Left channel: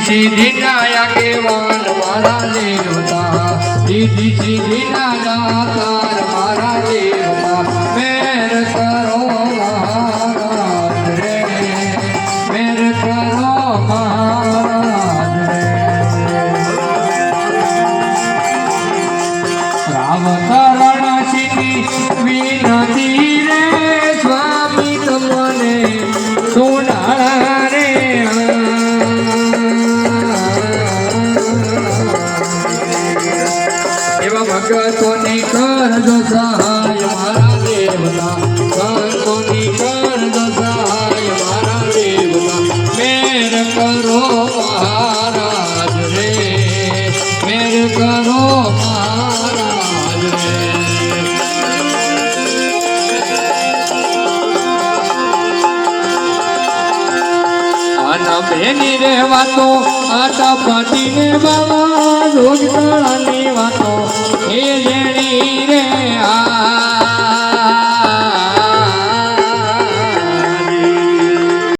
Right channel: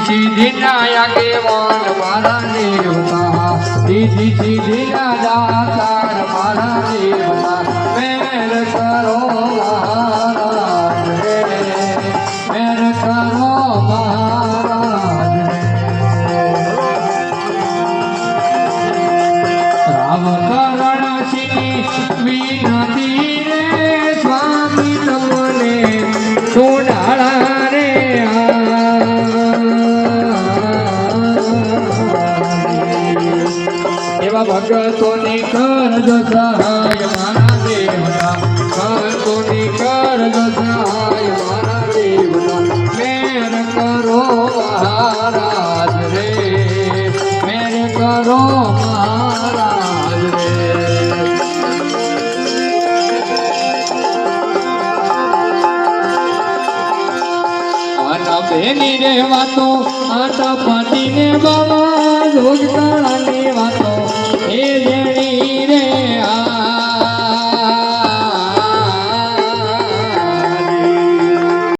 सीधी नाया के वन मारा देवता सीधी सीधी नाया तार मारा देवता मेर करो महाराज रे मेर करो महाराज रे राम करण सिनी विनती रे स्वामी तुमने सुनाड़ा रे भक्तोनी करजो सहाय मारा देवता भक्तोनी करजो सहाय मारा देवता मेर करो महाराज रे मेर करो महाराज रे बेनी रे वातो आटा पाटी ने बाबा जोग काळा ने वातो